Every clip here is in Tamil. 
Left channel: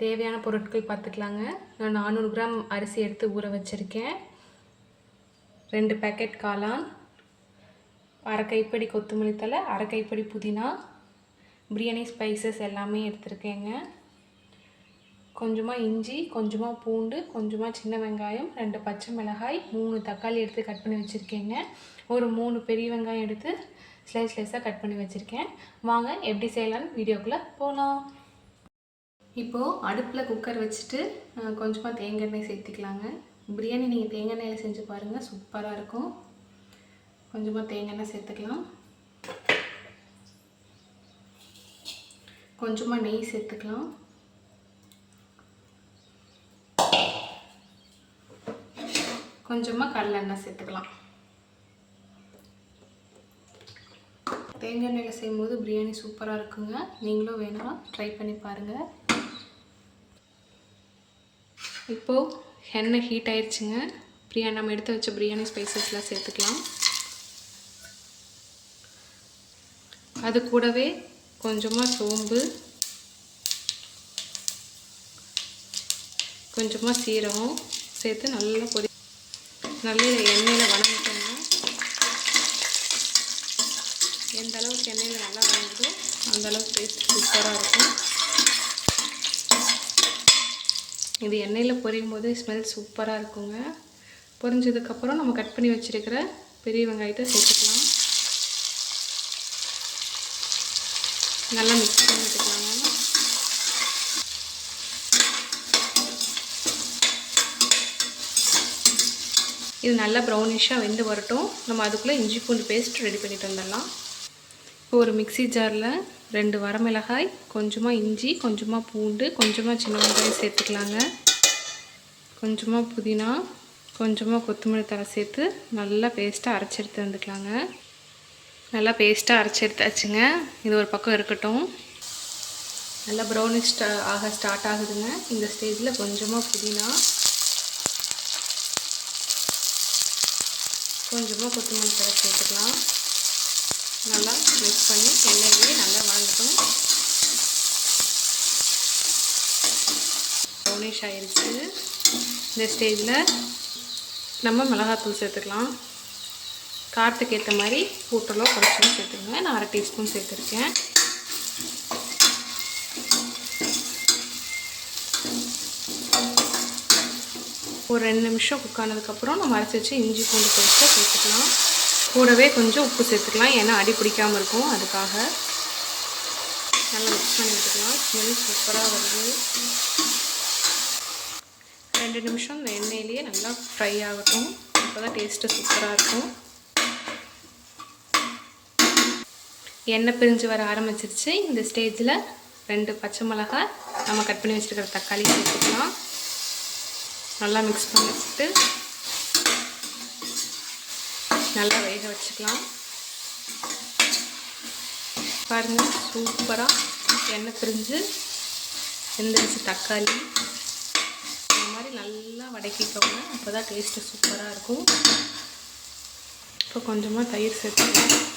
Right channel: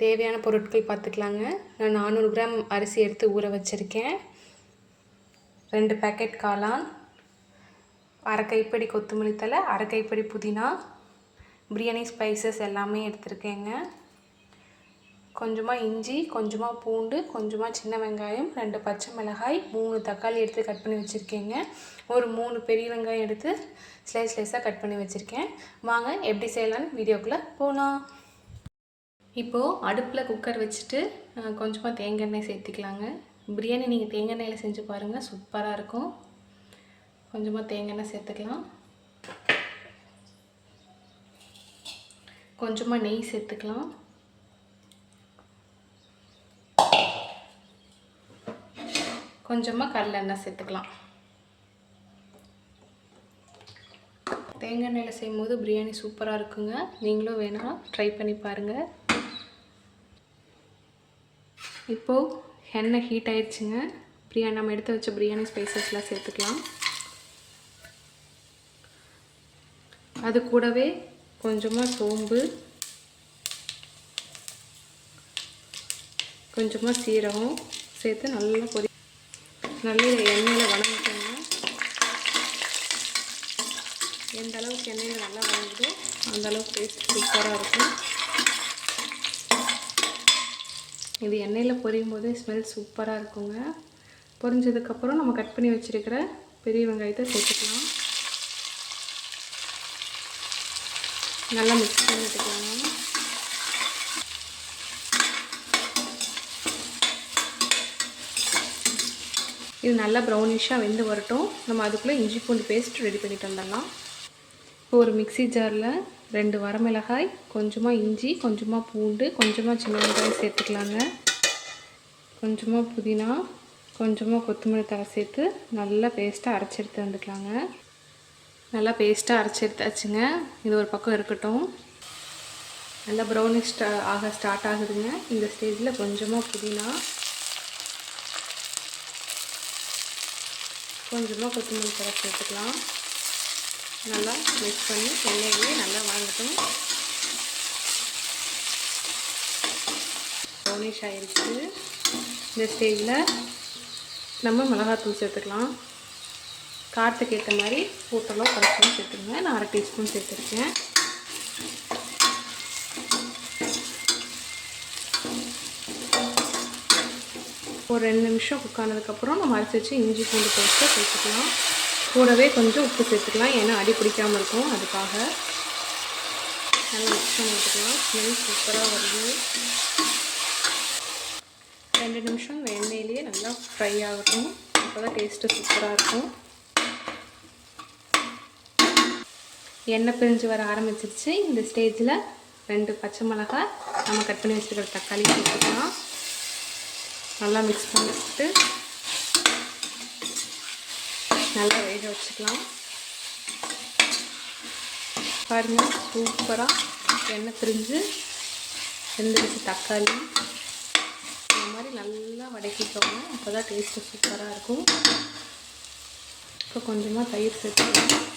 தேவையான பொருட்கள் பார்த்துக்கலாங்க. நான் 400 கிராம் அரிசி எடுத்து ஊற வச்சுருக்கேன். 2 பேக்கெட் காளான், அரை கைப்பிடி கொத்தமல்லி தழை, அரை கைப்பிடி புதினா, பிரியாணி ஸ்பைசஸ் எல்லாமே எடுத்துருக்கேங்க. கொஞ்சமாக இஞ்சி, கொஞ்சமாக பூண்டு, கொஞ்சமாக சின்ன வெங்காயம், 2 பச்சை மிளகாய், 3 தக்காளி எடுத்து கட் பண்ணி வச்சுருக்கேங்க. ஒரு 3 பெரிய வெங்காயம் எடுத்து ஸ்லைஸாக கட் பண்ணி வச்சுருக்கேன். வாங்க எப்படி செய்யலான்னு வீடியோக்குள்ளே போகலாம். இப்போது அடுப்பில் குக்கர் வச்சுட்டு கொஞ்சமாக தேங்காய் எண்ணெய் சேர்த்திக்கலாங்க. பிரியாணி நீங்கள் தேங்காய் எண்ணெயில் செஞ்சு பாருங்கள், சூப்பராக இருக்கும். கொஞ்சமாக தேங்காய் எண்ணெய் சேர்த்துக்கலாம். கொஞ்சமாக நெய் சேர்த்துக்கலாம். கொஞ்சமாக கடலெண்ணெய் சேர்த்துக்கலாம். தேங்காய் எண்ணெயில் செய்யும்போது பிரியாணி சூப்பராக இருக்குங்க. நீங்களும் வேணும்னா ட்ரை பண்ணி பாருங்கள். இப்போது எண்ணெய் ஹீட் ஆயிடுச்சுங்க. நம்ம எடுத்து வச்ச பிரியாணி ஸ்பைசஸ்லாம் சேர்த்துக்கலாம். அது கூடவே கொஞ்சமாக சோம்பு, கொஞ்சமாக சீரகம் சேர்த்து நல்லா எண்ணெயில் வணங்கிக்கோங்க. எந்த அளவுக்கு எண்ணெயில் நல்லா வணங்குதோ அந்தளவுக்கு டேஸ்ட் சூப்பராக இருக்கும். இது எண்ணெயில் பொரியும் போது ஸ்மெல் சூப்பராக இருக்குங்க. பொரிஞ்சதுக்கப்புறம் நம்ம கட் பண்ணி வச்சுருக்கிற பெரிய வெங்காயத்தை சேர்த்துக்கலாம். நல்லா மிக்ஸ் பண்ணி விட்டுக்கலாங்க. இது நல்லா ப்ரௌனிஷாக வெந்து வரட்டும். நம்ம அதுக்குள்ளே இஞ்சி பூண்டு பேஸ்ட் ரெடி பண்ணிட்டு வந்துடலாம். இப்போ ஒரு மிக்ஸி ஜாரில் 2 வரமிளகாய், கொஞ்சமாக இஞ்சி, கொஞ்சமாக பூண்டு, கொஞ்சமாக சின்ன வெங்காயம் சேர்த்துக்கலாங்க. கொஞ்சமாக புதினா, கொஞ்சமாக கொத்தமல்லி தழை சேர்த்து நல்லா பேஸ்ட்டாக அரைச்சி எடுத்து வந்துக்கலாங்க. நல்லா பேஸ்ட்டாக அரைச்சி எடுத்தாச்சுங்க. இது ஒரு பக்கம் இருக்கட்டும். நல்லா ப்ரௌனிஷ் ஆக ஸ்டார்ட் ஆகுதுங்க. இந்த ஸ்டேஜில் கொஞ்சமாக புதினா, கொஞ்சமாக கொத்தமல்லி தழை சேர்த்துக்கலாம். நல்லா மிக்ஸ் பண்ணி எண்ணெயிலேயே நல்லா வதங்கட்டும். ப்ரௌனிஷ் ஆகிடுச்சு. இந்த ஸ்டேஜில் நம்ம மிளகாத்தூள் சேர்த்துக்கலாம். காரத்துக்கு ஏற்ற மாதிரி கூட்டலோ குறைச்சலோ சேர்த்துக்கங்க. நான் 1/2 டீஸ்பூன் சேர்த்துருக்கேன். ஒரு 2 நிமிஷம் குக் ஆனதுக்கப்புறம் நம்ம அரைச்சி வச்சு இஞ்சி பூண்டு பேஸ்ட்டை சேர்த்துக்கலாம். கூடவே கொஞ்சம் உப்பு சேர்த்துக்கலாம், ஏன்னா அடி பிடிக்காமல் இருக்கும். அதுக்காக நல்லா மிக்ஸ் பண்ணி விட்டுக்கலாம். ஸ்மெல் சூப்பராக வருது. 2 நிமிஷம் இந்த எண்ணெயிலேயே நல்லா ஃப்ரை ஆகட்டும். அப்போ தான் டேஸ்ட்டு சூப்பராக இருக்கும். எண்ணெய் பிரிஞ்சு வர ஆரம்பிச்சிருச்சு. இந்த ஸ்டேஜில் 2 பச்சை மிளகாய், நம்ம கட் பண்ணி வச்சுருக்கிற தக்காளி சேர்த்துக்கலாம். நல்லா மிக்ஸ் பண்ணிட்டு நல்லா வேக வச்சுக்கலாம். பாருங்கள், சூப்பராக எண்ணெய் பிரிஞ்சு வெந்துடுச்சு தக்காளி. இந்த மாதிரி நல்லா வதக்கிக்கோங்க, அப்போ தான் டேஸ்ட்டு சூப்பராக இருக்கும். இப்போ கொஞ்சமாக தயிர் சேர்த்துக்கலாம்.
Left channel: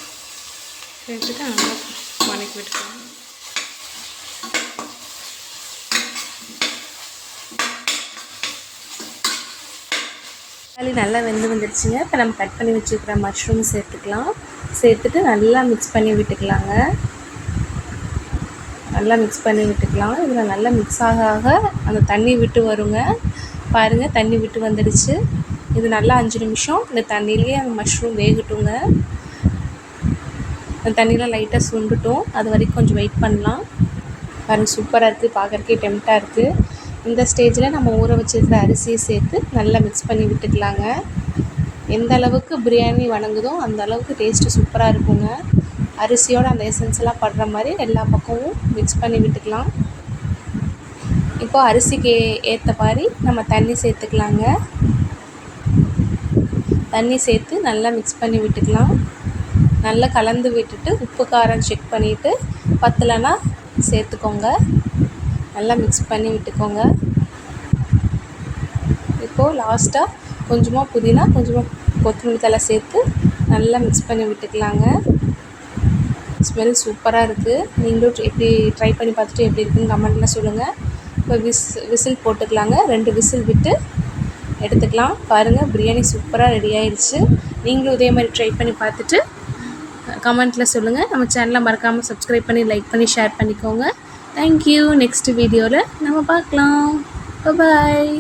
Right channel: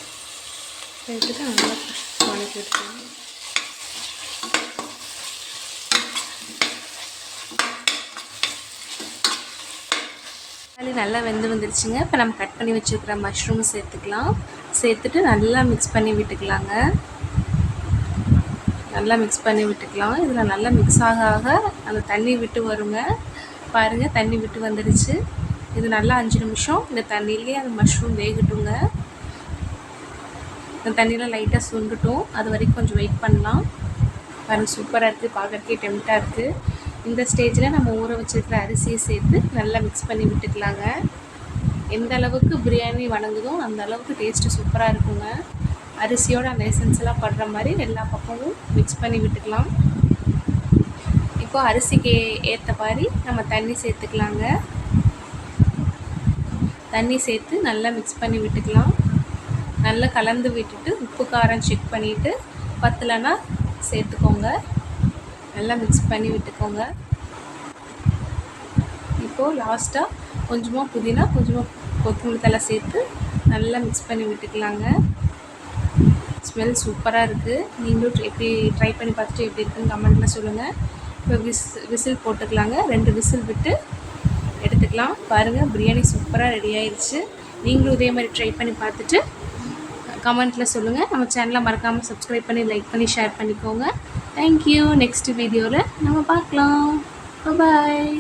சேர்த்துட்டு நல்லா வதக்கி விட்டுக்கலாம். நல்லா வெந்து வந்துடுச்சுங்க. இப்போ நம்ம கட் பண்ணி வச்சுருக்கிற மஷ்ரூம் சேர்த்துக்கலாம். சேர்த்துட்டு நல்லா மிக்ஸ் பண்ணி விட்டுக்கலாங்க. நல்லா மிக்ஸ் பண்ணி விட்டுக்கலாம். இதில் நல்லா மிக்ஸ் ஆக அந்த தண்ணி விட்டு வருங்க. பாருங்கள், தண்ணி விட்டு வந்துடுச்சு. இது நல்லா 5 நிமிஷம் இந்த தண்ணியிலேயே அந்த மஷ்ரூம் வேகட்டுங்க. அந்த தண்ணியில் லைட்டாக சுண்டுட்டும், அது வரைக்கும் கொஞ்சம் வெயிட் பண்ணலாம். பாருங்கள், சூப்பராக இருக்குது. பார்க்குறதுக்கே டெம்ப்டாக இருக்குது. இந்த ஸ்டேஜில் நம்ம ஊற வச்சுருக்கிற அரிசியை சேர்த்து நல்லா மிக்ஸ் பண்ணி விட்டுக்கலாங்க. எந்த அளவுக்கு பிரியாணி வணங்குதோ அந்த அளவுக்கு டேஸ்ட்டு சூப்பராக இருக்குங்க. அரிசியோட அந்த எசன்ஸ் எல்லாம் படுற மாதிரி எல்லா பக்கமும் மிக்ஸ் பண்ணி விட்டுக்கலாம். இப்போது அரிசிக்கு ஏற்ற மாதிரி நம்ம தண்ணி சேர்த்துக்கலாங்க. தண்ணி சேர்த்து நல்லா மிக்ஸ் பண்ணி விட்டுக்கலாம். நல்லா கலந்து விட்டுட்டு உப்பு காரம் செக் பண்ணிவிட்டு பத்தலைன்னா சேர்த்துக்கோங்க. நல்லா மிக்ஸ் பண்ணி விட்டுக்கோங்க. இப்போது லாஸ்ட்டாக கொஞ்சமாக புதினா, கொஞ்சமாக கொத்தமல்லி தழை சேர்த்து நல்லா மிக்ஸ் பண்ணி விட்டுக்கலாங்க. ஸ்மெல் சூப்பராக இருக்குது. நீங்களும் எப்படி ட்ரை பண்ணி பார்த்துட்டு எப்படி இருக்குன்னு கமெண்ட்டில் சொல்லுங்கள். இப்போ விசில் போட்டுக்கலாங்க. 2 விசில் விட்டு எடுத்துக்கலாம். பாருங்கள், பிரியாணி சூப்பராக ரெடி ஆயிடுச்சு. நீங்களும் இதே மாதிரி ட்ரை பண்ணி பார்த்துட்டு கமெண்ட்டில் சொல்லுங்கள். நம்ம சேனலை மறக்காமல் சப்ஸ்கிரைப் பண்ணி லைக் பண்ணி ஷேர் பண்ணிக்கோங்க. தேங்க்யூ. நெக்ஸ்ட் வீடியோவில் நம்ம பார்க்கலாம். பாய்.